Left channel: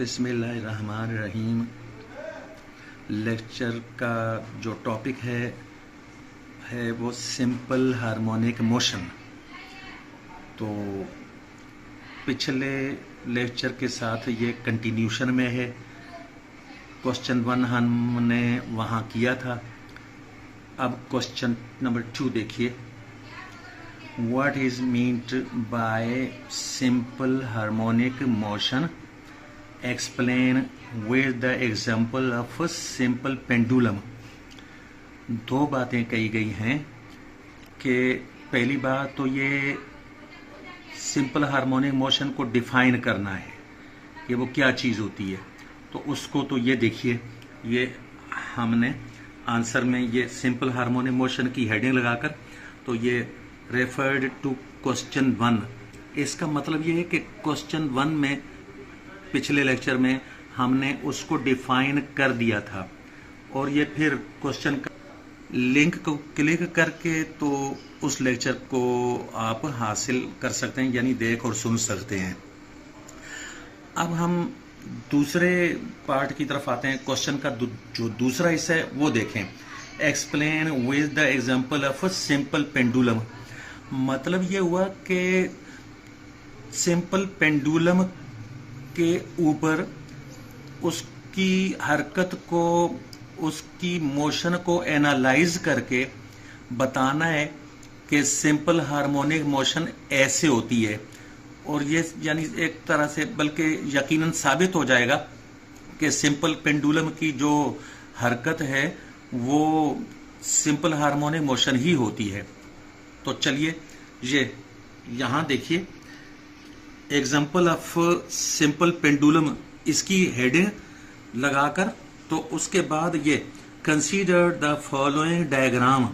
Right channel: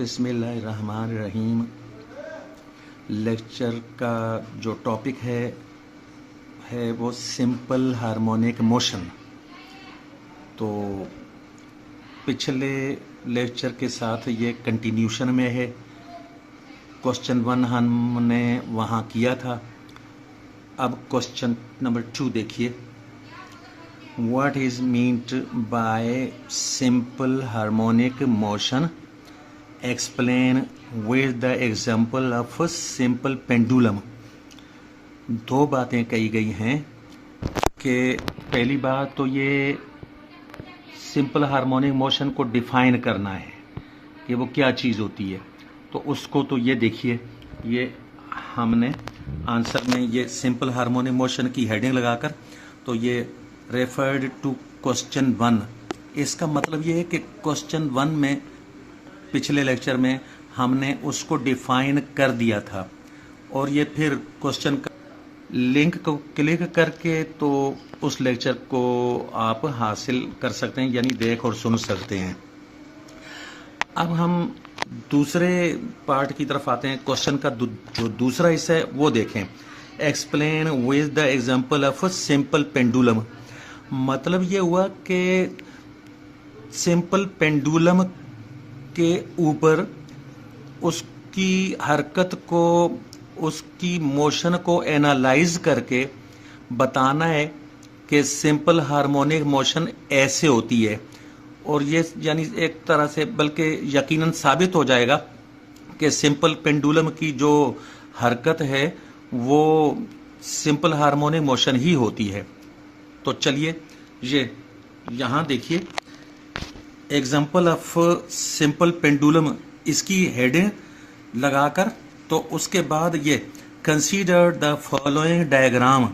बिस्मिल्लाहिर्रहमानिर्रहीम। लेक्चर का जो टॉपिक है वो सिंपल हार्मोनिक मोशन। तो पिछले लेक्चर के साथ ये कंटिन्यूशन में है। क्वेश्चन 1 हमने वहाँ किया था। अब क्वेश्चन नंबर 2 देखिए। What is meant by simple harmonic motion? Explain with the example of a simple pendulum। दो बातें कही गई हैं कि पहली बात तो ये सिंपल हार्मोनिक मोशन को डिफाइन करना है कि वो क्या चीज़ होती है। तो उसको तो ये देखिए, ये हमने आंसर में ये सिंपल हार्मोनिक मोशन की हेडिंग लगाकर तो ये रेफर्ड टू क्वेश्चन 1। इसका मतलब ये है कि क्वेश्चन 1 में पिछले लेक्चर में हमने उसको डिफाइन कर दिया था और ये फिर क्वेश्चन का लिंक को क्लिक करके तो उस लेक्चर को आप हासिल कर सकते हैं, यानी देख और सुन सकते हैं। अब हम दूसरे पार्ट की तरफ आते हैं। क्वेश्चन का जो दूसरा हिस्सा है वो देखें। Explain with the example of a simple pendulum. मतलब ये हुआ कि सिंपल पेंडुलम के ऊपर उसकी हरकत को, उसकी मोशन को एनालाइज करके बताना है कि सिंपल हार्मोनिक मोशन ऐसे होती है। और ये यानी एक तरह से बल्कि यकीनन साबित हो जाएगा कि सिंपल पेंडुलम की जो हरकत है वो सिंपल हार्मोनिक मोशन ही होती है। तो चलिए ये यहाँ देखिए, एग्जाम्पल ऑफ सिंपल पेंडुलम, इसकी हेडिंग लगाकर तो उसके बाद ये consider the following diagram.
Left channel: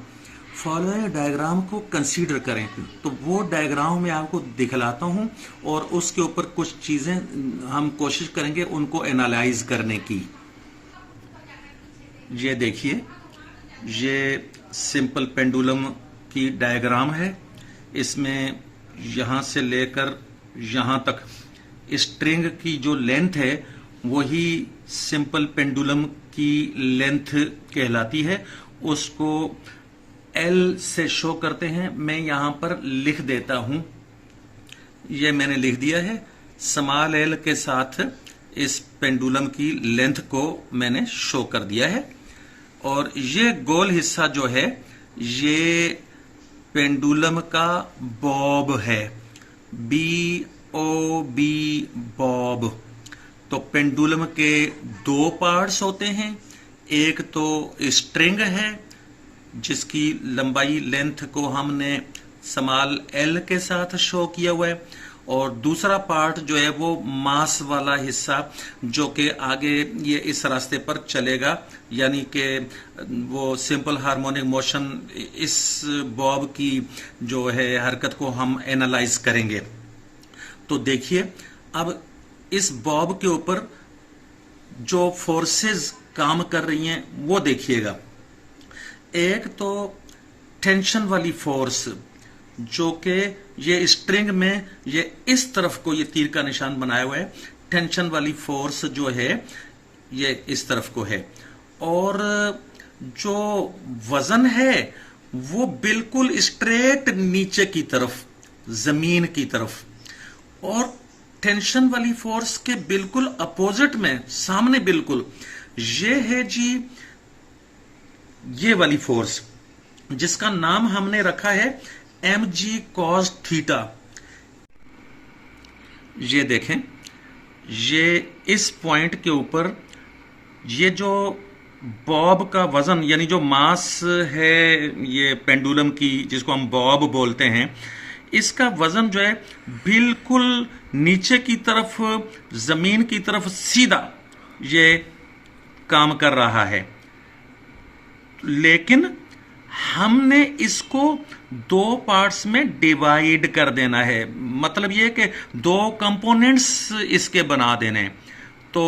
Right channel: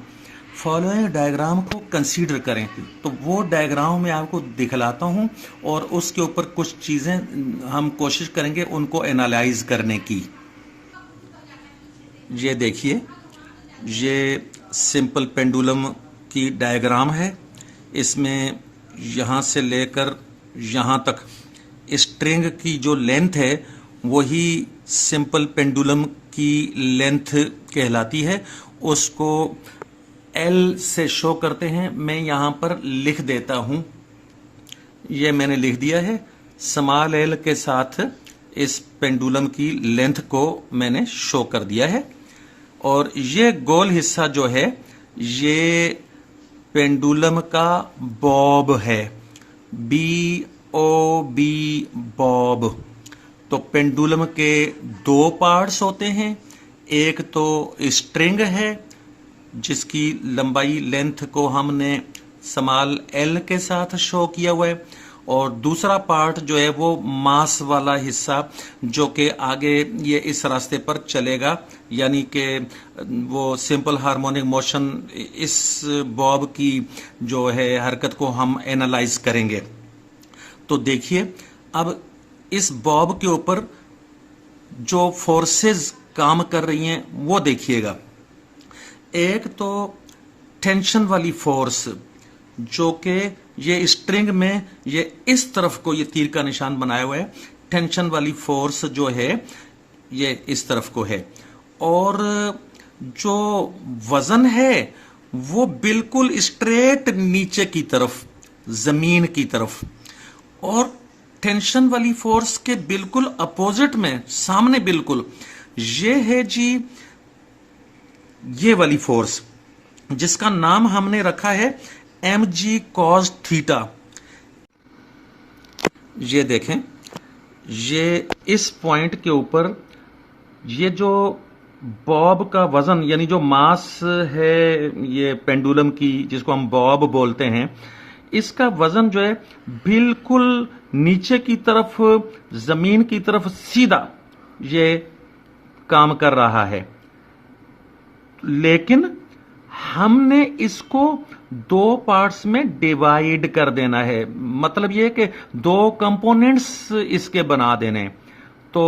Following diagram को कंसीडर करें तो वो डायग्राम में आपको दिखलाता हूं और उसके ऊपर कुछ चीजें हम कोशिश करेंगे उनको एनालाइज करने की। ये देखिए, ये सिंपल पेंडुलम की डायग्राम है। इसमें यहां से लेकर यहां तक स्ट्रिंग की जो लेंथ है वही सिंपल पेंडुलम की लेंथ कहलाती है। उसको एल से शो करते हैं। मैं यहां पर लिख देता हूं, ये मैंने लिख दिया है। स्मॉल एल के साथ इस पेंडुलम की लेंथ को मैंने शो कर दिया है। और ये गोल हिस्सा जो है ये पेंडुलम का बॉब है, BOB बॉब। तो पेंडुलम के दो पार्ट्स होते हैं। एक तो स्ट्रिंग है जिसकी लंबाई लेंथ को हमने स्मॉल एल के साथ शो किया हुआ है, और दूसरा पार्ट जो है वो मास वाला हिस्सा जो कि आगे ये इस रास्ते पर चलेगा, यानी कि वो सिंपल हार्मोनिक मोशन, इस बॉब की जो है हरकत को हम एनालाइज करेंगे। तो देखिए, अब इस बॉब के ऊपर जो फोर्सेस काम कर रही हैं वो देखिएगा। एक तो टेंशन वाली फोर्स जो कि ये स्ट्रिंग में ये इस तरफ को, ये तीर का निशान बनाया हुआ है, टेंशन वाली फोर्स जो है ये इस तरफ को है। और जो वजन है वो बिल्कुल स्ट्रेट नीचे की तरफ, जमीन की तरफ। और टेंशन वाली फोर्स के बिल्कुल अपोजिट में, सामने बिल्कुल, ये है जी ये वाली फोर्स जिसका नाम हमने रखा है mg cos थीटा। ये देखें, ये इस पॉइंट के ऊपर ये जो बॉब का वजन, यानी जो मास है ये पेंडुलम की, जिसको हम बॉब बोलते हैं, इसका वजन जो है बिल्कुल नीचे की तरफ, जमीन की तरफ सीधा ये काम कर रहा है। लेकिन हमने इसको दो पार्ट्स में डिवाइड कर देना है। मतलब ये कि दो कंपोनेंट्स इसके बना देने। तो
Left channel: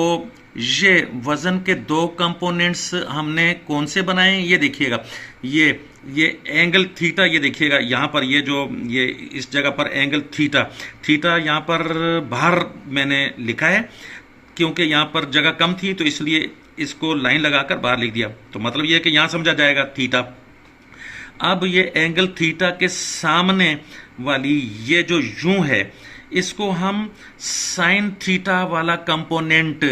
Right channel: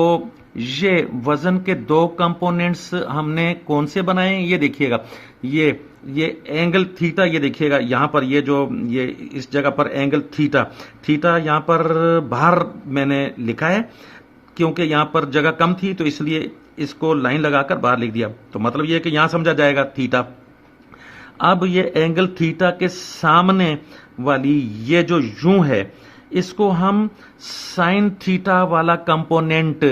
ये वजन के दो कंपोनेंट्स हमने कौन से बनाए, ये देखिएगा। ये एंगल थीटा, ये देखिएगा यहां पर, ये जो ये इस जगह पर एंगल थीटा, थीटा यहां पर बाहर मैंने लिखा है क्योंकि यहाँ पर जगह कम थी तो इसलिए इसको लाइन लगाकर बाहर लिख दिया। तो मतलब ये है कि यहाँ समझा जाएगा थीटा। अब ये एंगल थीटा के सामने वाली ये जो यूं है, इसको हम साइन थीटा वाला कंपोनेंट,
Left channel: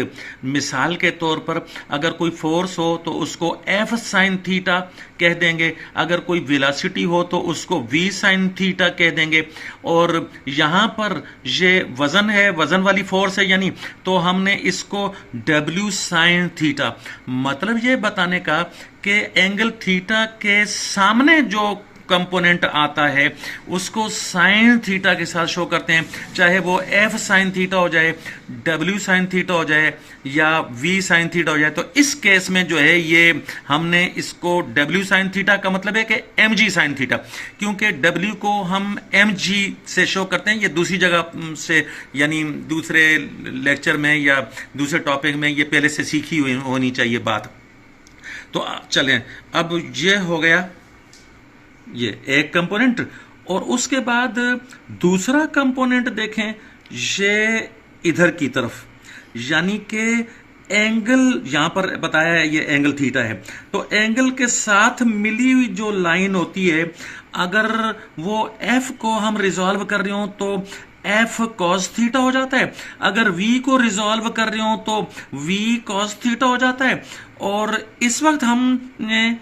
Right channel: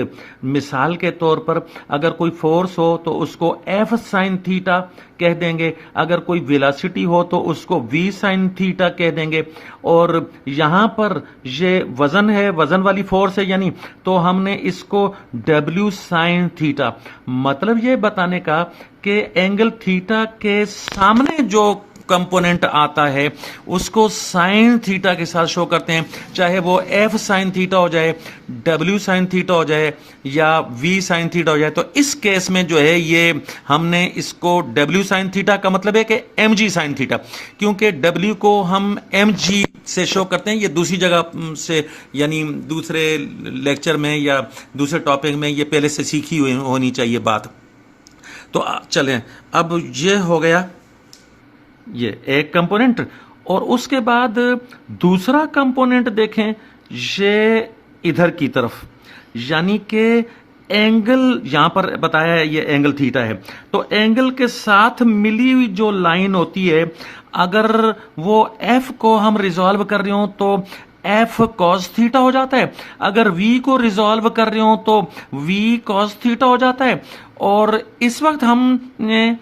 मिसाल के तौर पर अगर कोई फोर्स हो तो उसको एफ साइन थीटा कह देंगे, अगर कोई वेलोसिटी हो तो उसको वी साइन थीटा कह देंगे, और यहां पर ये वजन है, वजन वाली फोर्स है यानी, तो हमने इसको डब्ल्यू साइन थीटा। मतलब ये बताने का कि एंगल थीटा के सामने जो कंपोनेंट आता है उसको साइन थीटा के साथ शो करते हैं, चाहे वो एफ साइन थीटा हो जाए, डब्ल्यू साइन थीटा हो जाए या वी साइन थीटा हो जाए। तो इस केस में जो है ये हमने इसको डब्ल्यू साइन थीटा का मतलब है कि एम जी साइन थीटा, क्योंकि डब्ल्यू को हम एम जी से शो करते हैं। ये दूसरी जगह से यानी दूसरे लेक्चर में या दूसरे टॉपिक में ये पहले से सीखी हुई होनी चाहिए बात। तो चलें, अब ये हो गया ये एक कंपोनेंट, और उसके बाद दूसरा कंपोनेंट देखें, ये इधर की तरफ, यानी कि एंगल यहां पर बताया है ये एंगल थीटा है, तो एंगल के साथ मिली हुई जो लाइन होती है, अगर वो एफ को हम रिजॉल्व कर रहे हो तो एफ कॉस थीटा हो जाता है, अगर वी को रिजॉल्व कर रहे हो तो वी कॉस थीटा हो जाता है। और इस वक्त हमने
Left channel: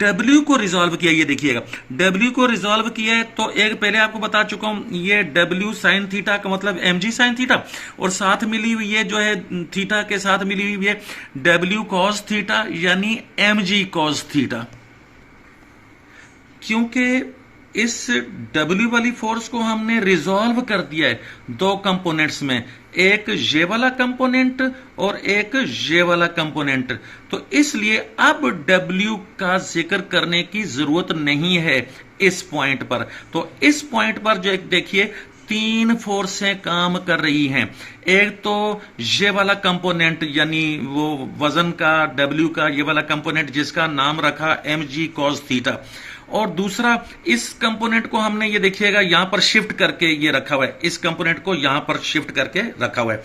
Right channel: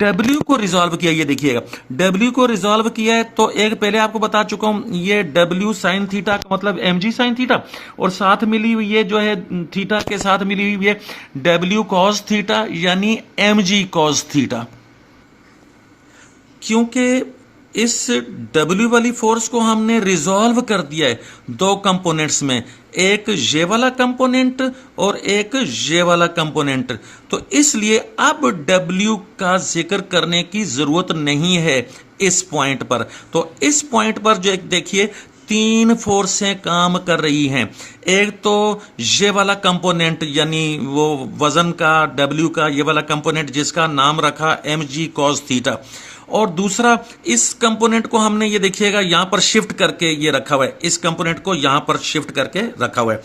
W को रिजॉल्व किया, ये देखिएगा W को रिजॉल्व किया है, तो एक पहले आपको बता चुका हूं ये W साइन थीटा का मतलब mg साइन थीटा, और साथ मिली हुई ये जो है थीटा के साथ मिली हुई है W कॉस थीटा यानी mg कॉस थीटा। क्योंकि इस W वाली फोर्स को हमने रिजॉल्व कर दिया है दो कंपोनेंट्स में, एक ये वाला कंपोनेंट और एक ये वाला कंपोनेंट, तो इसलिए अब W का जिक्र करने की जरूरत नहीं है इस पॉइंट पर। तो इस पॉइंट पर जो देखिए तीन फोर्सें काम कर रही हैं, एक तो ये वाला कंपोनेंट यानी वो वजन का W का ये वाला कंपोनेंट जिसका नाम रखा mg cos थीटा, और दूसरा इस कंपोनेंट को हमने ये देखिएगा यहां पर शिफ्ट करके ये रखा हुआ है, इस कंपोनेंट को यहां पर शिफ्ट करके रखा हुआ है।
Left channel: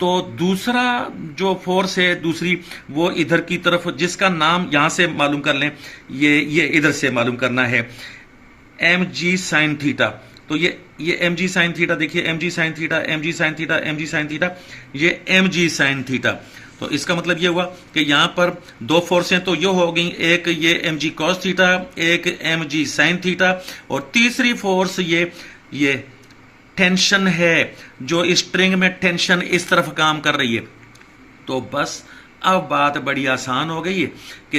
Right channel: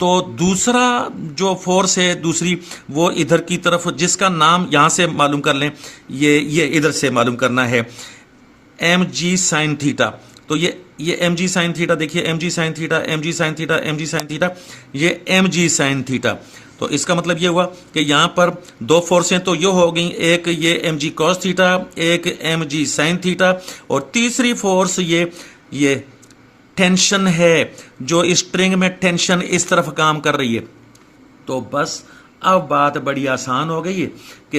तो दूसरा जो फोर्स है दूसरी वो इधर की तरफ, जिसका नाम यहां से मालूम कर लें, ये इधर से मालूम करना है mg साइन थीटा। तो ये mg साइन थीटा देखिए, mg sine theta, mg sine theta, mg sine theta, ये mg साइन थीटा। तो इसका मतलब ये हुआ कि यहां पर दो फोर्सें तो ये हो गई, एक ये mg cos थीटा, एक mg sin थीटा, और तीसरी फोर्स ये टेंशन है, जो स्ट्रिंग में टेंशन इस तरफ काम कर रही है। तो बस अब बात बड़ी आसान हो गई है कि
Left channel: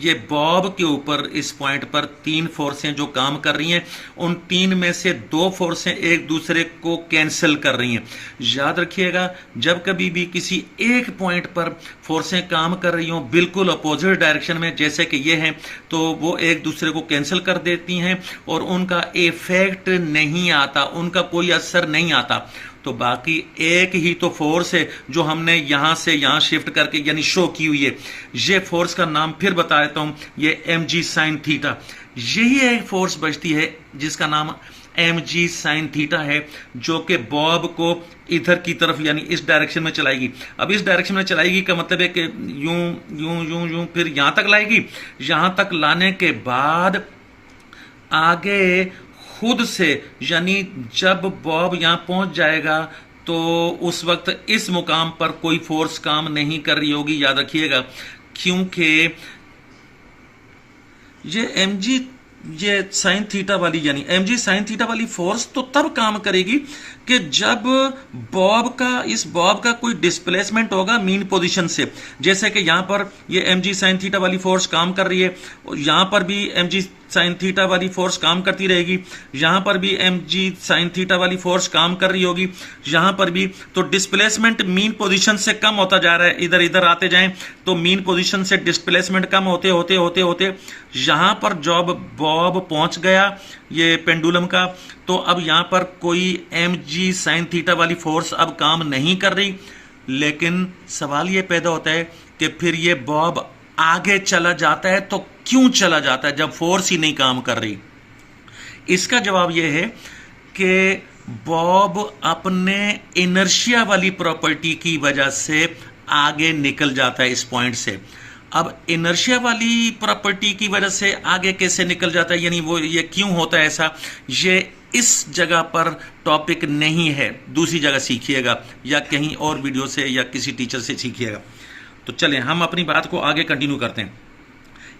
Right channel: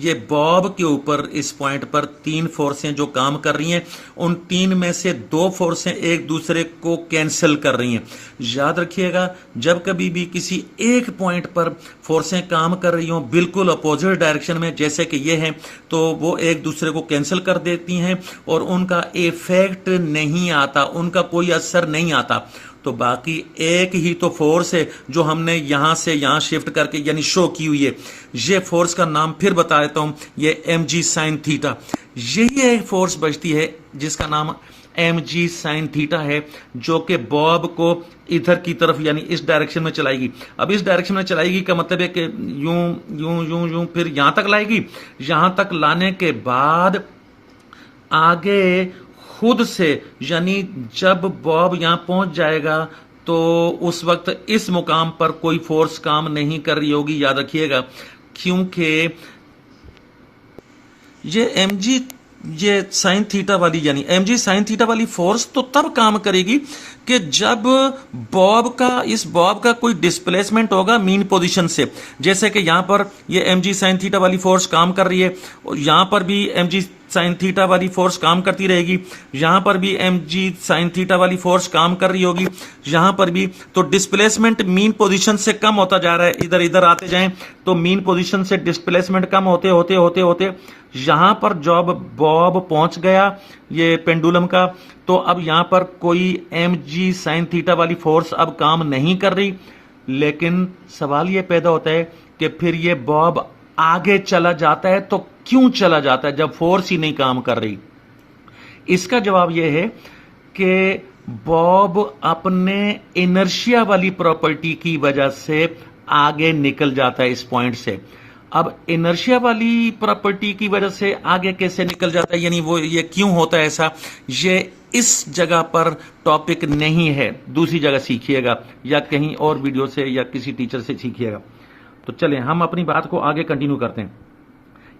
ये बॉब के ऊपर इस पॉइंट पर तीन फोर्सें जो काम कर रही हैं, उन तीन में से दो फोर्सें एक दूसरे को कैंसिल कर रही हैं। याद रखिएगा, जब कभी भी किसी एक पॉइंट पर फोर्सें काम कर रही हों बिल्कुल अपोजिट डायरेक्शन में, जैसे कि ये हैं, तो वो एक दूसरे को कैंसिल कर देती हैं और उनका इफेक्ट नहीं आता, उनका कोई असर नहीं आता। तो बाकी एक ही तो फोर्स है जो हमने यहां से यहां शिफ्ट करके यानी शो की हुई है। ये फोर्स का नाम फिर बता देता हूं, ये mg साइन थीटा। यही एक फोर्स बचती है जिसका नाम mg साइन थीटा है, जो कि बॉब को इधर की तरफ यानी इस डायरेक्शन में चलाएगी। अब इस डायरेक्शन में चलाएगी का मतलब है कि यूं यूं यूं यूं फिर यहां तक लाएगी। यहां तक लाने के बाद आगे खुद से यानी जब बॉब यहां पहुंच जाएगा तो उस वक्त इस मुकाम पर कोई फोर्स काम नहीं कर रही होगी, याद रखिएगा, क्योंकि ये साइन थीटा वाली यानी mg साइन थीटा वाली फोर्स तो तब काम करेगी कि जब इस बॉब का कोई डिस्प्लेसमेंट होगा मीन पोजीशन से। जैसे कि यहां पर ये mg साइन थीटा वाली फोर्स काम कर रही है, और यहां पर भी mg साइन थीटा वाली फोर्स काम करती रहेगी, यहां पर भी mg साइन थीटा वाली फोर्स काम कर रही होगी, यहां पर भी। तो डिस्प्लेसमेंट मीन पोजीशन से कम होता जा रहा है, इधर इधर आते जाएं तो मीन पोजीशन से डिस्प्लेसमेंट कम होते होते होते होते यहां पर जब बॉब पहुंच गया ये पेंडुलम का, तो अब यहां पर कोई mg साइन थीटा वाली फोर्स अब काम नहीं कर रही। लेकिन सवाल यह पैदा होता है कि फिर ये बॉब आगे चला जाता है तो क्यों चला जाता है जब फोर्स ही नहीं काम कर रही? इसका जवाब यह है कि बॉब अपने इनर्शिया वाली प्रॉपर्टी की वजह से आगे निकल जाता है इस पॉइंट से। अब इनर्शिया वाली प्रॉपर्टी की वजह से आगे कैसे निकल जाता है, यानी वो ये क्यों होता है ऐसा, ये इस जगह पर टॉपिक नहीं है, दूसरी जगह सीखिएगा या कहीं और वीडियो से या किसी टीचर से सीखिएगा। तो चलें हम अपनी बात को आगे कंटिन्यू करते हैं।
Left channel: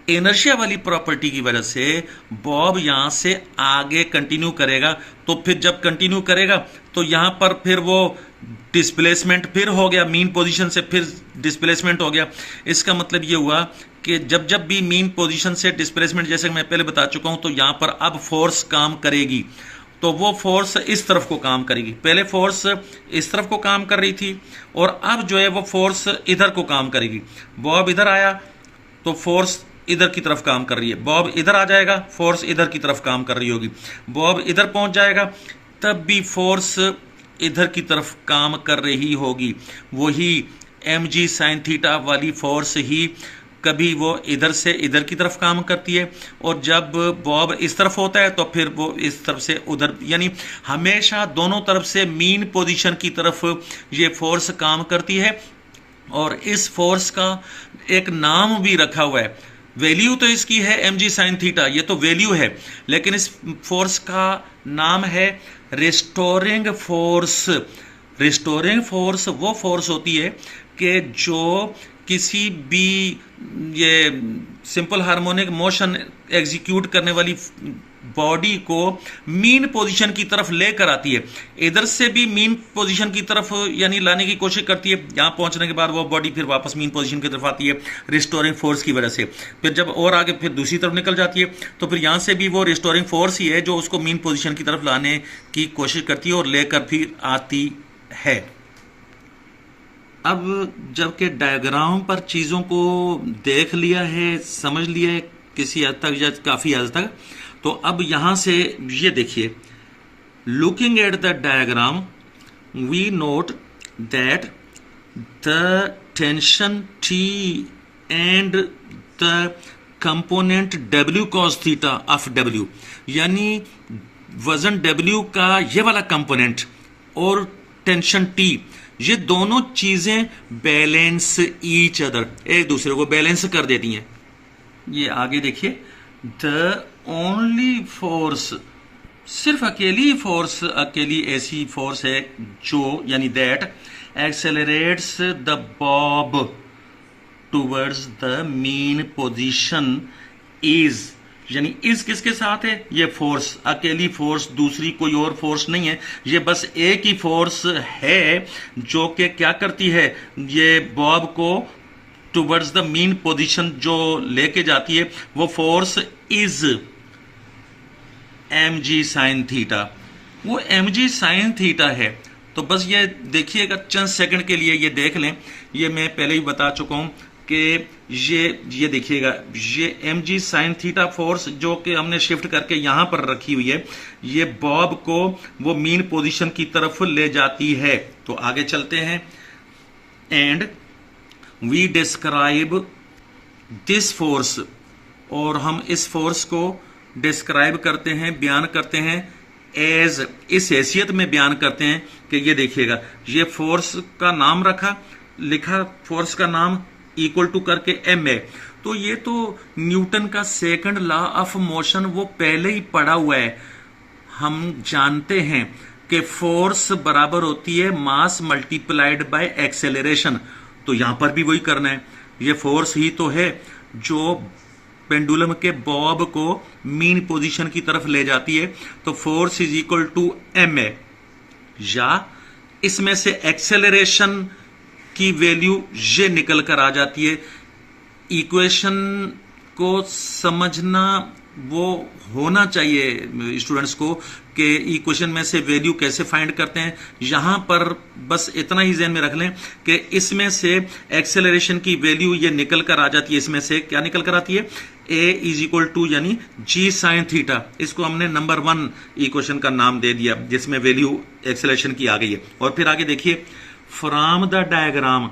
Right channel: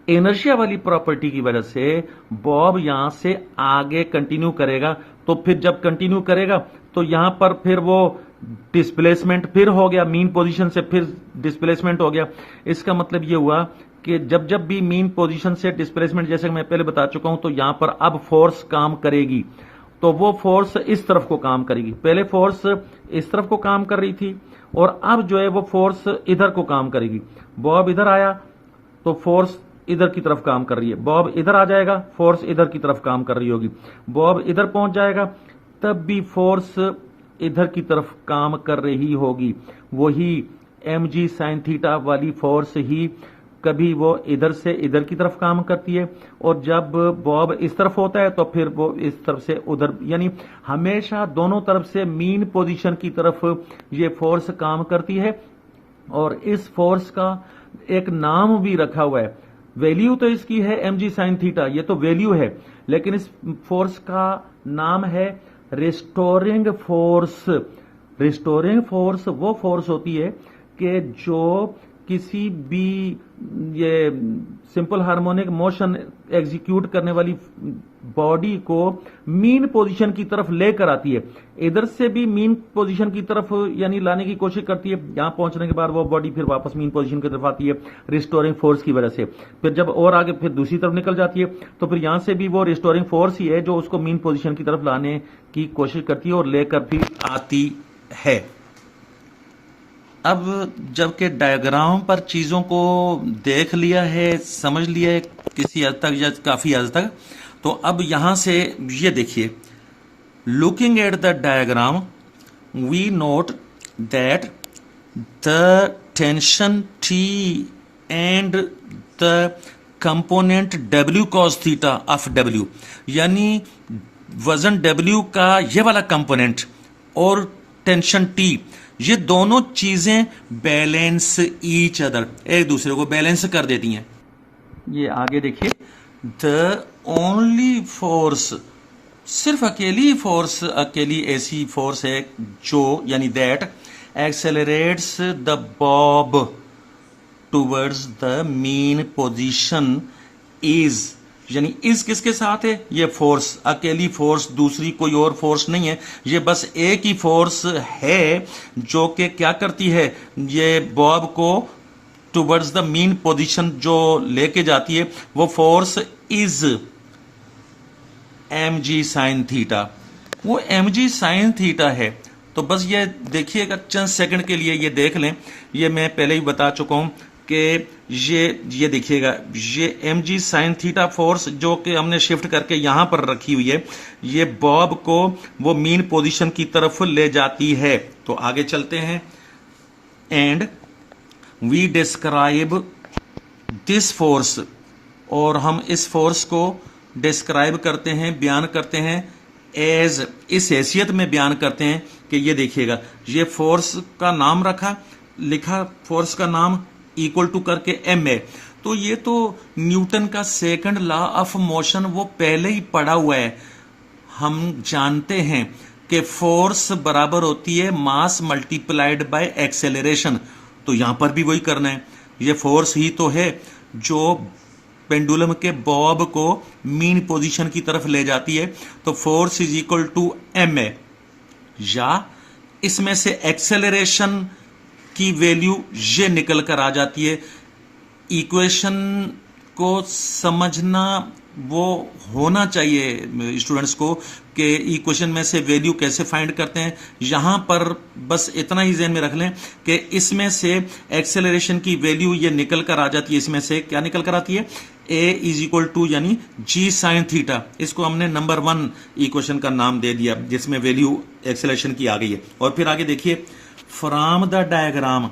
इनर्शिया वाली प्रॉपर्टी की वजह से बॉब यहां से आगे कंटिन्यू करेगा, तो फिर जब कंटिन्यू करेगा तो यहां पर फिर वो डिस्प्लेसमेंट फिर हो गया, मीन पोजीशन से फिर डिस्प्लेसमेंट हो गया। इसका मतलब ये हुआ कि जब जब भी मीन पोजीशन से डिस्प्लेसमेंट, जैसे मैं पहले बता चुका हूं, तो यहां पर अब फोर्स काम करेगी, तो वो फोर्स इस तरफ को काम करेगी। पहले फोर्स इस तरफ को काम कर रही थी और अब जो है वो फोर्स इधर को काम करेगी। बॉब इधर आया तो फोर्स इधर की तरफ काम कर रही है, बॉब इधर आ जाएगा फोर्स इधर की तरफ काम कर रही होगी, बॉब इधर पहुंच जाएगा तब भी फोर्स इधर की तरफ काम कर रही होगी। वही mg sin थीटा वाली फोर्स ही कभी वो इधर से इधर की तरफ काम करती है, और जब बॉब इस तरफ होता है तो फिर वो इस तरफ से उधर, यानी हमेशा दोनों तरफ से मीन पोजीशन की तरफ ये फोर्स काम करती है। और इस फोर्स का एक नाम भी रखा हुआ है, वैल्यू तो इसकी है mg sin थीटा, ये तो वैल्यू है, लेकिन इस फोर्स का नाम है रिस्टोरिंग फोर्स। रिस्टोरिंग फोर्स वो फोर्स होती है कि जो किसी भी ये सिंपल हार्मोनिक मोशन एग्जीक्यूट करने वाली बॉडी को मीन पोजीशन की तरफ लेकर आती है, इधर से भी मीन पोजीशन की तरफ यानी लाने की कोशिश करती है। यहां पहुंचने के बाद वो बॉडी फिर वापस मीन पोजीशन की तरफ आती है रिस्टोरिंग फोर्स की वजह से। फिर जब और आगे फिर दूसरी तरफ निकल जाती है तो फिर यहां से भी वो रिस्टोरिंग फोर्स ही है जो उसको मीन पोजीशन की तरफ लाने की कोशिश करती है और लेकर भी आती है। अब जबकि डायग्राम पर चीज़ों को देख लिया है, समझ लिया है किसी हद तक या काफ़ी हद तक, तो अब यहां से ये देखिए, looking at the diagram we note that the tension T and the component W cos theta of W, यानी वजन W का ये वाला कंपोनेंट और टेंशन T, ये दोनों चीजें बैलेंस ईच अदर, एक दूसरे को बैलेंस कर देती हैं। ये आगे देखिए, द ओनली फोर्स, सिर्फ अकेली फोर्स, अकेली ऐसी फोर्स है जो यानी that accelerates the Bob towards the mean position is, यानी इस किसके साथ है, ये फोर्स, अकेली फोर्स, दूसरी कोई और फोर्स नहीं है, ये बस एक ही फोर्स है जो कि क्या करती है, ये बॉब को टुवर्ड्स द मीन पोजीशन जो लेके जाती है, वो force is mg sin theta, वो mg sin थीटा है। तो बस ये देखिएगा चंद सेकंड के लिए, ये देख लें, ये मैं पहले ही बता चुका हूं कि ये देखिएगा, ये mg sin थीटा फोर्स जो कि हमने शिफ्ट करके यहां पर रखी हुई है, ये बॉब को वो मीन पोजीशन की तरफ ले जाती है। तो आगे चलते हैं, and we describe this force, और हम इस फोर्स को डिस्क्राइब करते हैं, बयान करते हैं एज, इस हैसियत में बयान करते हैं कि ये देखिएगा, ये फोर्स का नाम लिखा फोर्स का नाम इक्वल टू करके m है। तो ये तो न्यूटन का सेकंड लॉ ऑफ मोशन वो पहले ही पढ़ा हुआ है। हम जानते हैं कि फोर्स बराबर होती है मास मल्टीप्लाइड बाय एक्सेलरेशन, तो यहां पर भी वही करना है। ये फोर्स ही तो है जो पेंडुलम के बॉब को मीन पोजीशन की तरफ ले जाती है, तो force is equal to m है, या इसमें से एक्सेलरेशन की वैल्यू ये निकल कर आ जाती है। इक्वेशन को समझना वो होना चाहिए स्टूडेंट्स को कि इक्वेशन में से वैल्यू कैसे फाइंड करते हैं। यहां पर बस इतना ही ज़हन में रख लें कि इसमें से एक्सेलरेशन की वैल्यू ये निकल कर आ जाती है, इसमें से क्या निकल कर आती है, a इज इक्वल टू यानी g sin थीटा, इसको हमने नंबर 1 इक्वेशन का नाम दे दिया जिसमें वैल्यू एक्सेलरेशन की आ गई है। और फिर आगे देखिए, from the diagram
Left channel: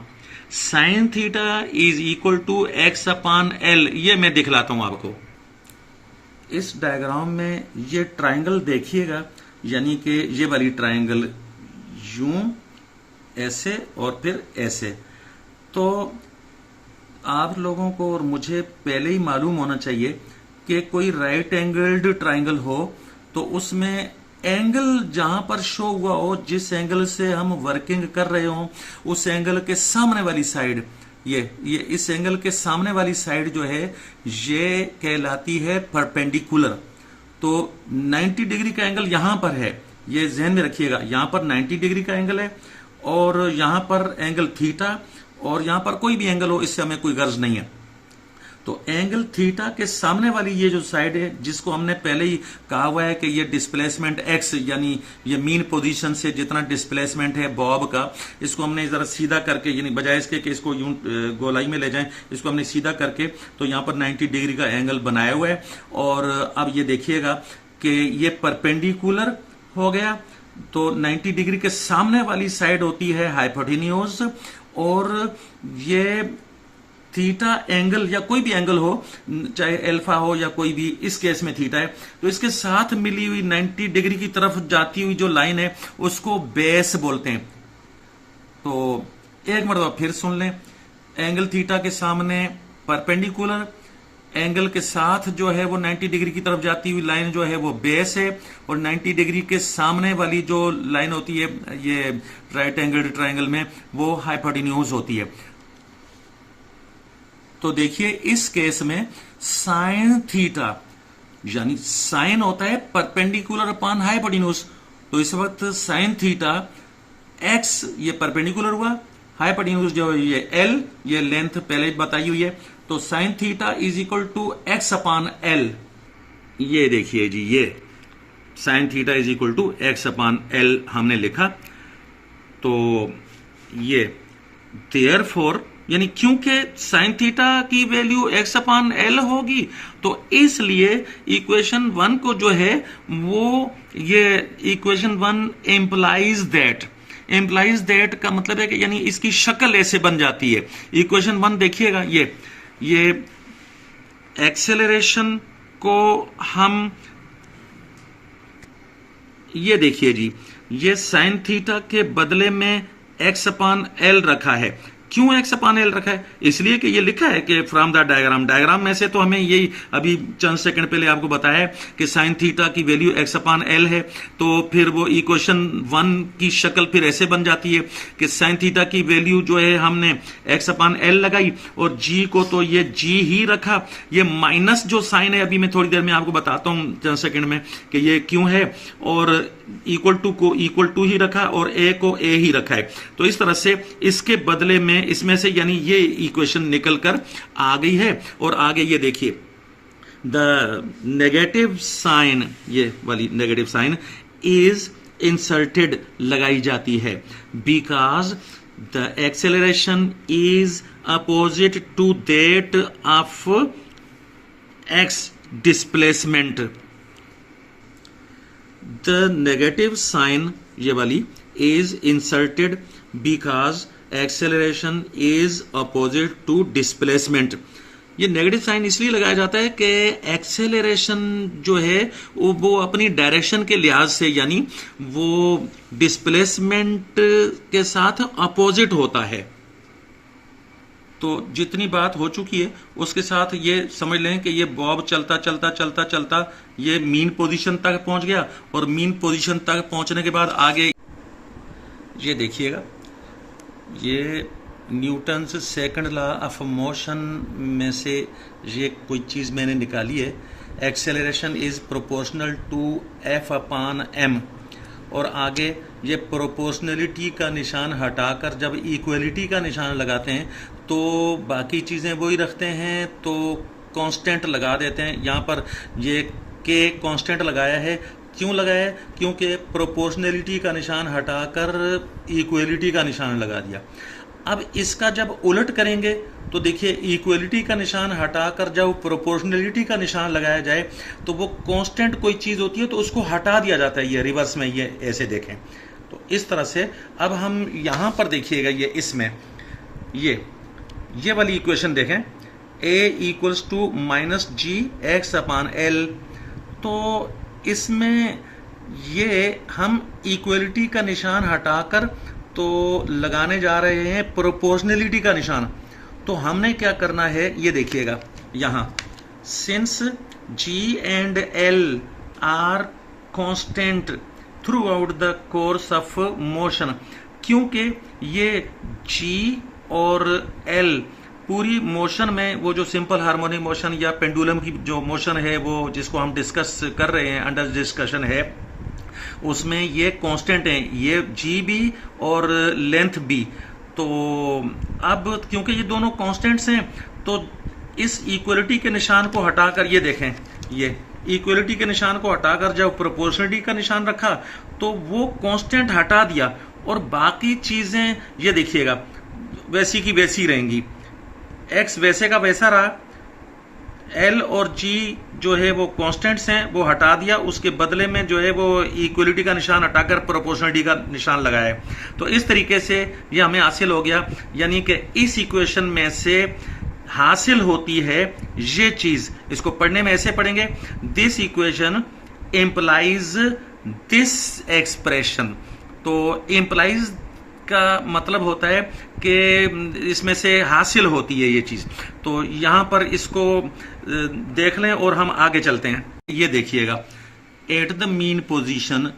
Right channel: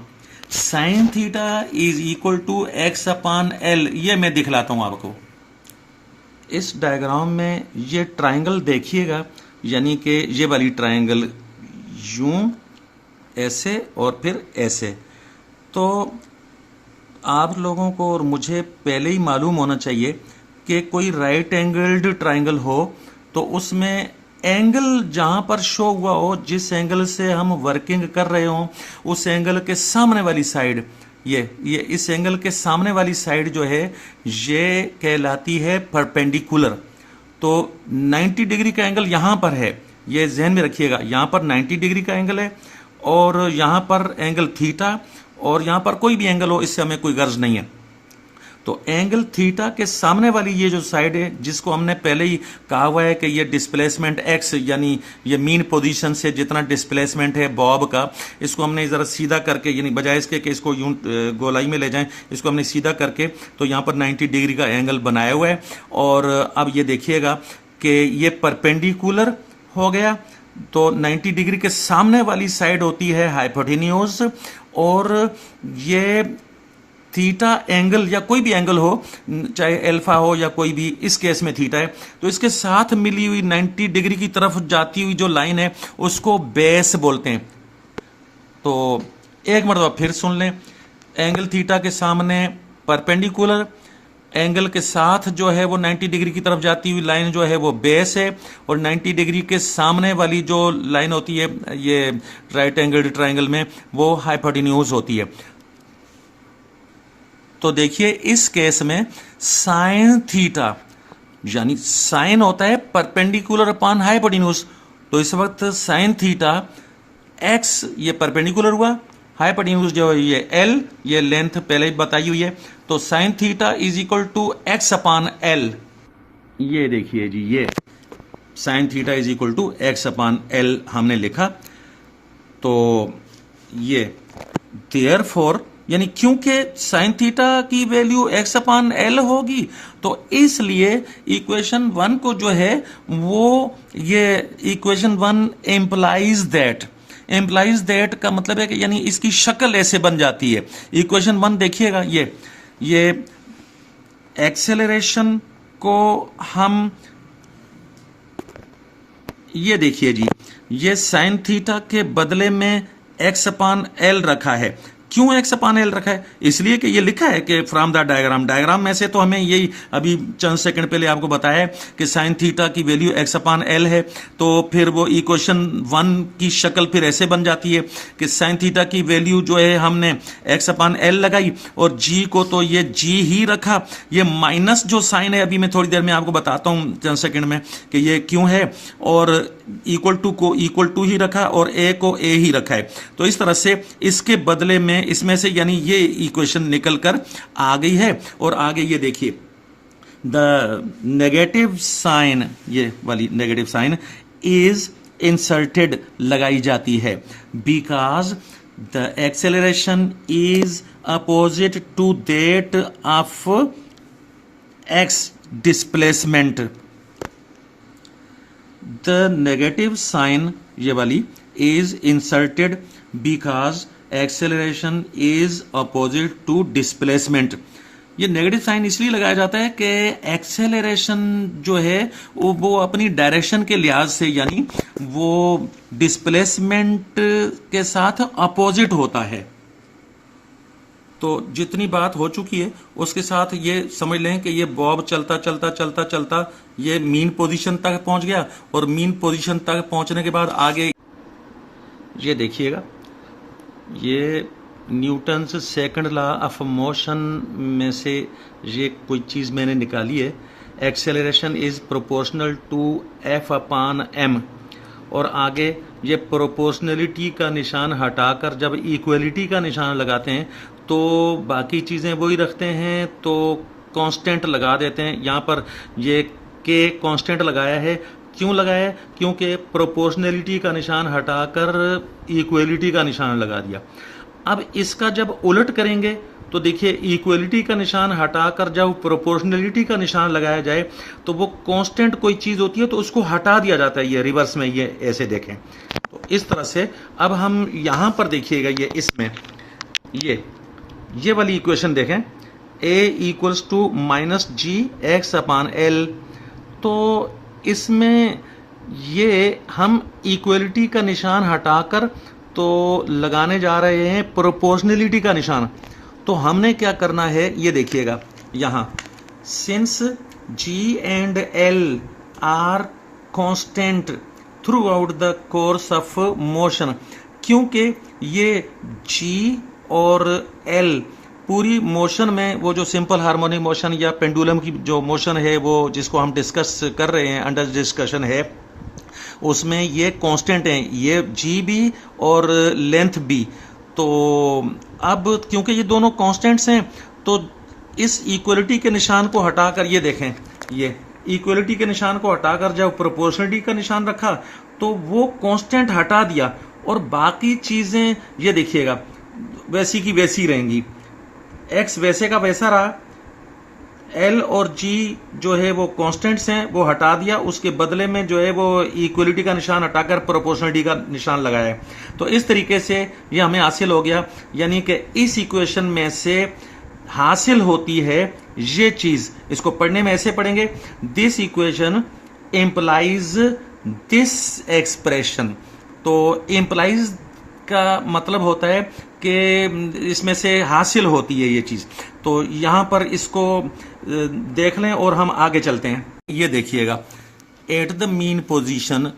sine theta is equal to x upon l, ये मैं दिखलाता हूं आपको। इस डायग्राम में ये ट्राइंगल देखिएगा, यानी कि ये वाली ट्रायंगल यूं, ऐसे और फिर ऐसे। तो आप लोगों को और मुझे पहले ही मालूम होना चाहिए कि कोई राइट एंगल्ड ट्रायंगल हो तो उसमें एंगल जहां पर शो हुआ हो, जिस एंगल से हम वर्किंग कर रहे हो, उस एंगल के सामने वाली साइड, ये इस एंगल के सामने वाली साइड जो है ये कहलाती है परपेंडिकुलर। तो 90 डिग्री का एंगल यहां पर है, ये ध्यान में रखिएगा, यहां पर 90 डिग्री का एंगल है और यहां पर एंगल थीटा, और यहां पर कोई भी एंगल हो इससे हमें कोई गर्ज नहीं है। तो एंगल थीटा के सामने वाली ये जो साइड है, जिसको हमने पहले ही कहा हुआ है कि ये डिस्प्लेसमेंट एक्स, यानी ये मीन पोजीशन से जितना डिस्प्लेसमेंट है बॉब का, इसको हमने जरा सीधा करके, यानी बजाय इसके कि इसको यूं गोलाई में ले जाएं, इसको हमने सीधा करके तो यहां पर 90 डिग्री का एंगल बनाया हुआ है। और अब ये देखिएगा कि ये परपेंडिकुलर हो गया, तो 90 डिग्री के सामने वाली साइड होती है हाइपोटेन्यूज, और ये थीटा एंगल या कोई भी एंगल हो, चाहे अल्फा हो या कोई भी, इस केस में थीटा है, तो इसके साथ मिली हुई 90 डिग्री की तरफ जाती हुई जो लाइन है उसको बेस बोलते हैं। तो एक मरतबा फिर सुन लें, एंगल थीटा के सामने परपेंडिकुलर, एंगल के साथ जो है वो 90 डिग्री की तरफ जाती हुई लाइन जो है वो बेस है, और 90 डिग्री के सामने वाली जो लाइन होती है ये राइट एंगल ट्रायंगल में, वो हाइपोटेन्यूज होती है। तो देखिए इस केस में साइन थीटा, यानी साइन होता है परपेंडिकुलर अपॉन हाइपोटेन्यूज, तो इस वक्त साइन थीटा एक्स, ये परपेंडिकुलर हुआ, हाइपोटेन्यूज जो है ये एल, ये लेंथ पहले बताई हुई है, तो sine theta is equal to x upon l. ये देखिए जी, ये sine theta is equal to x upon l हमने लिखा। तो ये देयरफॉर, यानी क्योंकि साइन थीटा की वैल्यू एक्स अपॉन एल होगी, तो इसलिए इक्वेशन 1 को जो है वो, ये इक्वेशन 1 एम्प्लाइज दैट का मतलब है कि यानी इसकी शक्ल ऐसे बन जाती है। इक्वेशन 1 देखिएगा, ये एक्सेलरेशन को हम, ये देखिए जी, ये साइन थीटा के बदले में एक्स अपॉन एल रखा है। क्यों एक्स अपॉन एल रखा है? इसलिए कि ये लिखा है कि फ्रॉम द डायग्राम में से, तो हमें यही अभी चंद सेकंड पहले आपको बताया कि साइन थीटा की वैल्यू एक्स अपॉन एल है, तो फिर वो इक्वेशन 1 की शक्ल फिर ऐसे बन जाती है कि साइन थीटा की वैल्यू जो है हमने एक्स अपॉन एल लगाई, और जी को तो ये जी ही रखा, ये माइनस जो साइन है अभी मैं थोड़ी देर में आपको बताता हूं चंद सेकंड में कि ये क्यों है, और इक्वल टू को इक्वल टू ही रखा और ए को ए ही रखा है। तो इस तरह से इसके बदले में इसमें से यानी ये इक्वेशन निकल कर आ गई है। और आगे ये देखिए, द नेगेटिव साइन, ये वाली नेगेटिव साइन इज इंसर्टेड लगाई जाती है, because the acceleration is opposite to that of x displacement. The negative sign, ये वाली, is inserted because acceleration is opposite to displacement. ये नेगेटिव साइन इसलिए लगाया जाता है कि एक्सेलरेशन जो है वो अपनी डायरेक्शन के लिहाज से, यानी वो डिस्प्लेसमेंट के साथ अपोजिट होता है। तो जितनी बात हो चुकी है उसके साथ ये समझ लें कि ये बॉब चलता चलता चलता चलता ये मीन पोजीशन तक पहुंच गया, और मीन पोजीशन तक पहुंचने के बाद आगे ये देखिएगा, ये Newton's second law of motion में से ये कोई चीज मैंने निकाली है, acceleration is proportional to f upon m, और आगे ये प्रोपोर्शनलिटी का निशान हटाकर जब इक्वलिटी का निशान लगाते हैं तो बाकी चीजें वही रखते हैं, तो कांस्टेंट लगा देते हैं। यहाँ पर ये के कांस्टेंट लगाया है, क्यों लगाया है? क्योंकि प्रोपोर्शनलिटी का निशान हटाकर इक्वलिटी का निशान लगा दिया। अब इसका जब उलट करेंगे तो देखिए, इक्वलिटी का निशान हटाकर जब प्रोपोर्शनलिटी का निशान लगाया जाए तो वो कांस्टेंट कोई चीज होती है तो उसको हटा दिया जाता है। ये रिवर्स में, ये ऐसे देखें तो इस तरह से। अब हम यहां पर देखिएगा, ये इसमें ये वाली इक्वेशन देखें, a equals to minus g x upon l. तो इसमें ये हम इक्वलिटी का निशान हटाकर तो लगाने जा रहे हैं प्रोपोर्शनलिटी का निशान। तो हमने क्या करना है ये देखिएगा यहाँ, since g and l are constant throughout the course of motion, क्योंकि ये जी और एल पूरी मोशन में, वो जो सिंपल हार्मोनिक मोशन या पेंडुलम की जो मोशन है वो जिसको हम डिस्कस कर रहे हैं, अंडर डिस्कशन है, उसमें ये कांस्टेंट हैं, ये जी भी और लेंथ भी। तो अब क्योंकि ये दोनों कांस्टेंट्स हैं तो इस इक्वलिटी के निशान को हटाकर, ये देखें, ये इक्वलिटी के निशान को हटाकर जब प्रोपोर्शनलिटी का निशान रखा तो वो कांस्टेंट हटा दिया और बाकी चीजें ये देखिएगा वैसी की वैसी रहेंगी। एक्स वैसे का वैसा रहा, एल और जी जो है वो कांस्टेंट्स हैं, वो हटा दिया, उसके बदले में जो है वो इक्वलिटी का निशान हटाकर प्रोपोर्शनलिटी का निशान लगाया है। तो इस तरीके से ये हमें हासिल हो गया, यानी कि इस इक्वेशन में से हासिल होती है ये चीज। इसको पढ़ने में ऐसे पढ़ेंगे, this equation implies this expression. तो इंप्लाइज का मतलब होता है कि इसमें से हासिल होती है ये चीज। तो यहां पर इसको देख लें और हम आगे चलते हैं। ये देखिएगा, at the mean position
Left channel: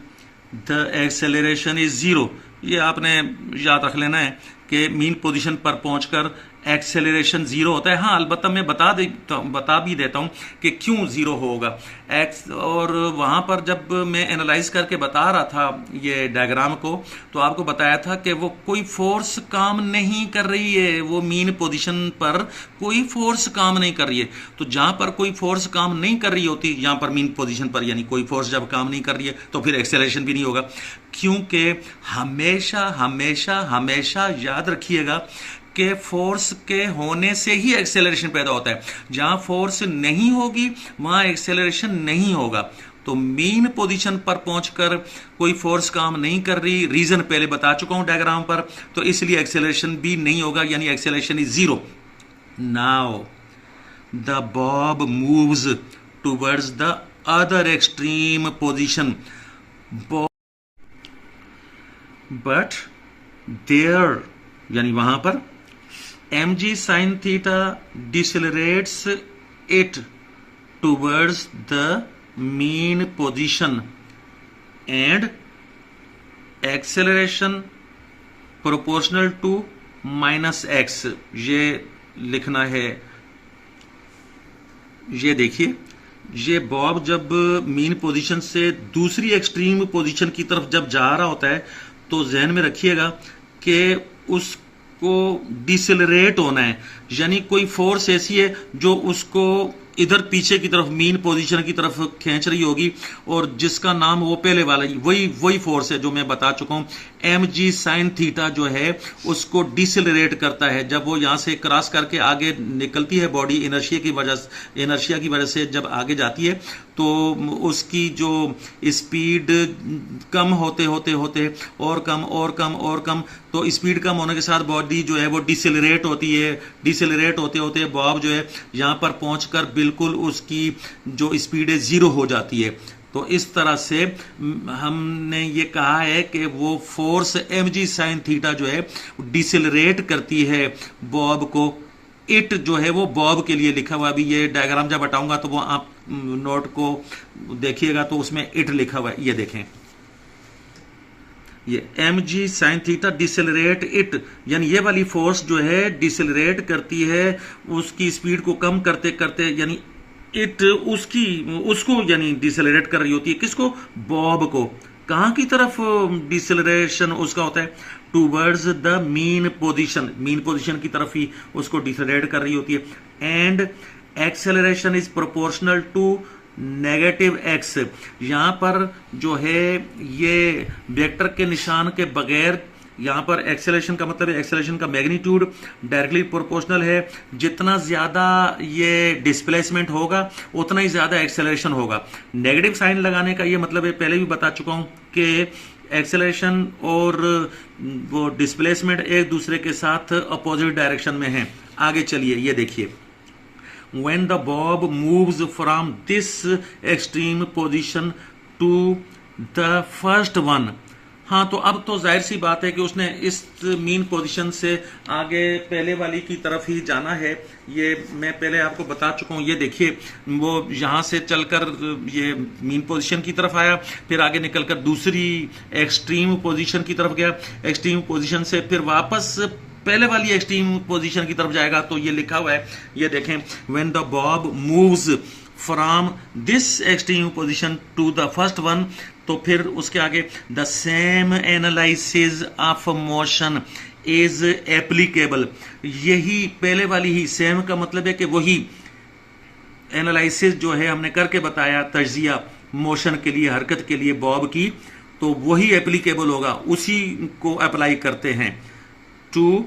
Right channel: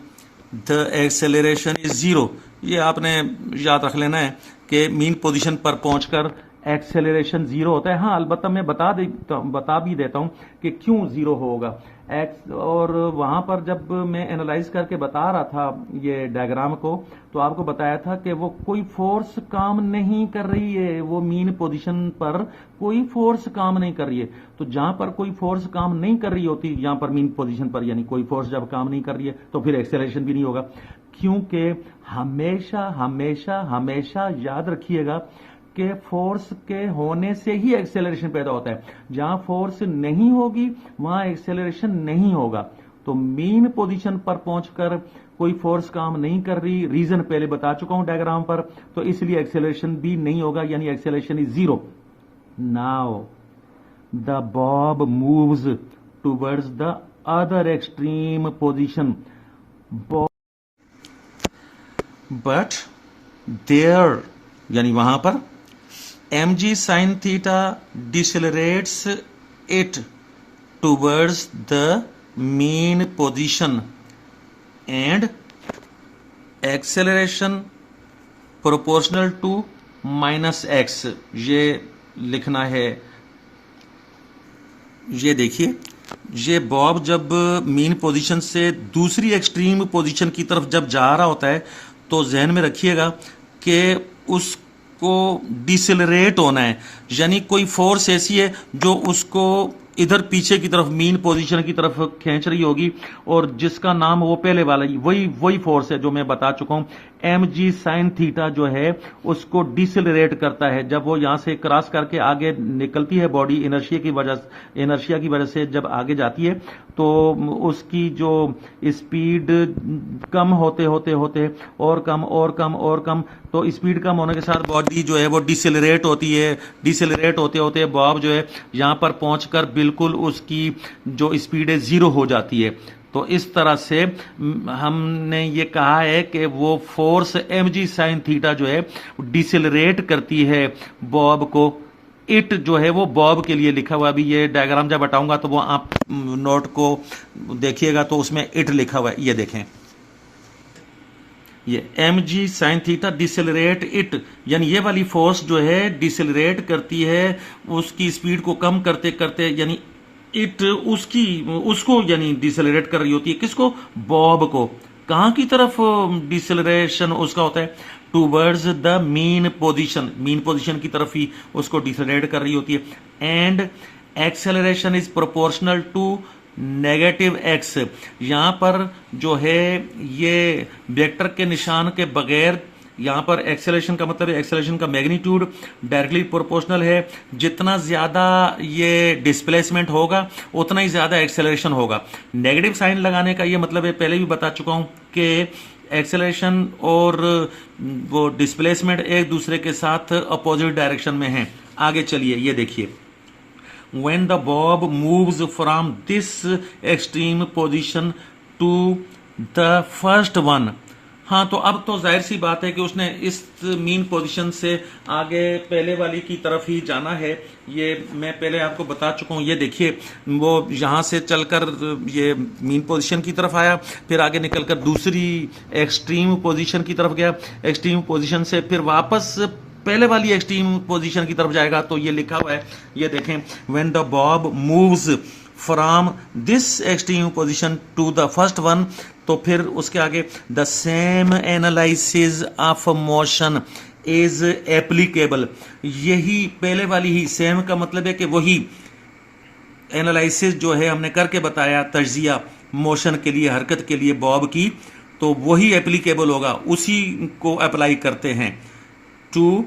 the acceleration is zero. ये आपने याद रख लेना है कि मीन पोजीशन पर पहुंचकर एक्सेलरेशन जीरो होता है। हाँ, अलबत्ता मैं बता भी देता हूं कि क्यों जीरो होगा एक्स। और वहां पर जब मैं एनालाइज करके बता रहा था ये डायग्राम को, तो आपको बताया था कि वो कोई फोर्स काम नहीं कर रही है, वो मीन पोजीशन पर कोई फोर्स काम नहीं कर रही है। तो जहां पर कोई फोर्स काम नहीं कर रही होती, यहां पर मीन पोजीशन पर, यानी कोई फोर्स जब काम नहीं कर रही है तो फिर एक्सेलरेशन भी नहीं होगा। क्योंकि हमेशा हमेशा हमेशा याद रखिएगा कि फोर्स के होने से ही एक्सेलरेशन पैदा होता है। जहां फोर्स नहीं होगी वहां एक्सेलरेशन नहीं होगा। तो मीन पोजीशन पर पहुंचकर कोई फोर्स काम नहीं कर रही, रीजन पहले बता चुका हूं डायग्राम पर, तो इसलिए एक्सेलरेशन भी नहीं होगा, यानी acceleration is zero. Now the bob moves towards the other extreme position, but there यानी वहां पर mg sin theta decelerates it towards the mean position and acceleration proportional to minus x। ये लिखना है। ये देखिए, ये बॉब जब मीन पोजीशन से दूसरी एक्सट्रीम पोजीशन की तरफ जब जा रहा होता है तो जहन में रखिएगा कि उसको डिसेलरेट होना है, यानी कोई फोर्स ऐसी है जो उसको इधर पीछे की तरफ मीन पोजीशन की तरफ खींच रही होगी, और जिसका नाम वो पहले वाला वही फोर्स है जो मैं बता चुका हूं। mg sin थीटा जो है उसको डिसेलरेट करता है। जब वो यहां से क्रॉस करके आगे निकलती है बॉडी, इनर्शिया की वजह से जब आगे जाती है तो उसकी जो स्पीड कम होते होते होते और कम और कम और कम, तो स्पीड कम होने के साथ बॉडी जो है वो डिसेलरेट होती है। डिसेलरेट होते होते बॉब जो है यहां पर पहुंचकर बिल्कुल उसकी जो स्पीड है जीरो हो जाती है। तो इस तरह से हमने ये कहा है कि वो फोर्स mg sin थीटा जो है डिसेलरेट करती है बॉब को। इट जो है वो बॉब के लिए लिखा हुआ, अभी ये डायग्राम जब हटाऊंगा तो वो आप नोट को देखिएगा तो उसमें इट लिखा हुआ है, ये देखें, ये mg sin theta decelerate it, यानी ये वाली फोर्स जो है डिसेलरेट करती है उसकी स्पीड को कम करते करते, यानी इट उसको यानी डिसेलरेट कर रही होती है। किसको? बॉब को। कहां की तरफ डिसेलरेशन उसका होता है? Towards the mean position, mean position की तरफ ही उसको डिसेलरेट कर रही होती है। And acceleration is proportional to negative x. यहां पर जो है ये वेक्टर के निशान के बगैर, यहां पर एक्सेलरेशन का मतलब है एक्सेलरेशन का मैग्नीट्यूड डायरेक्टली प्रोपोर्शनल है। जितना ज्यादा ये डिस्प्लेसमेंट होगा उतना ही ज्यादा एक्सेलरेशन होगा। नेगेटिव साइन लगाने का ये मतलब है, पहले भी बता चुका हूं कि एक्सेलरेशन और वो डिस्प्लेसमेंट एक दूसरे के साथ अपोजिट डायरेक्शन में है। आगे चलिए, ये देखिए, when the bob moves from this extreme position to the first one. हाँ, तो अब तो जाहिर सी बात है कि उसने इस मीन पोजीशन से आगे पहले वाली की तरफ ही जाना है। ये मैं पहले आपको बता चुका हूँ। ये देखिए, वो यहाँ से चलकर ये मीन पोजीशन की तरफ आया, फिर आगे निकलकर दूसरी एक्सट्रीम पोजीशन की तरफ गया, एक्सट्रीम पोजीशन से फिर वापस पहले वाली एक्सट्रीम पोजीशन की तरफ जाएगा। तो ये लिखा हुआ है, ये देखें, when the bob moves from this extreme position to the first one, तो फिर उसके आगे the same analysis of motion is applicable. यही पहले वाली ही, सेम का मतलब है कि वही एनालिसिस जो है हमने करके बताया, तज्जिया मोशन के लिए, हरकत के लिए बॉब की, तो वही एप्लीकेबल होगा, उसी को अप्लाई करते हैं। To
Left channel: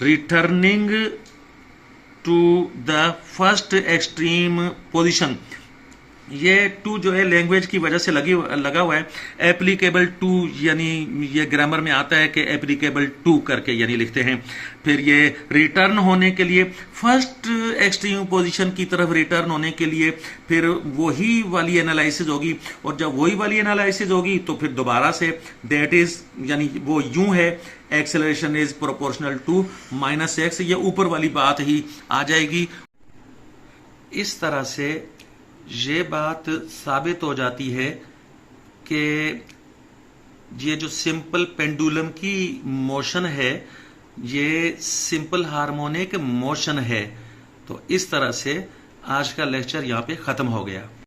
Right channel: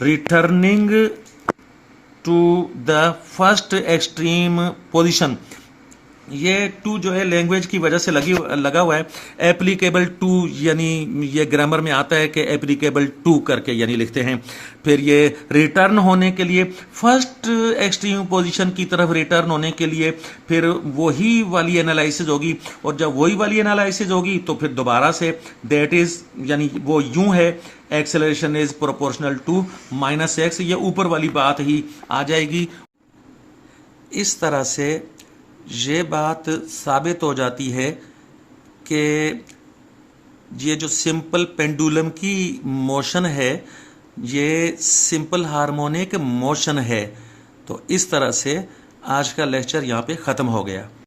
returning to the first extreme position. ये टू जो है लैंग्वेज की वजह से लगा हुआ है। एप्लीकेबल टू यानी ये ग्रामर में आता है कि एप्लीकेबल टू करके यानी लिखते हैं। फिर ये रिटर्न होने के लिए, फर्स्ट एक्सट्रीम पोजीशन की तरफ रिटर्न होने के लिए फिर वही वाली एनालिसिस होगी, और जब वही वाली एनालिसिस होगी तो फिर दोबारा से दैट इज यानी वो यूं है, acceleration is proportional to -x, ये ऊपर वाली बात ही आ जाएगी। इस तरह से ये बात साबित हो जाती है कि ये जो सिंपल पेंडुलम की मोशन है, ये सिंपल हार्मोनिक मोशन है। तो इस तरह से आज का लेक्चर यहाँ पे ख़त्म हो गया।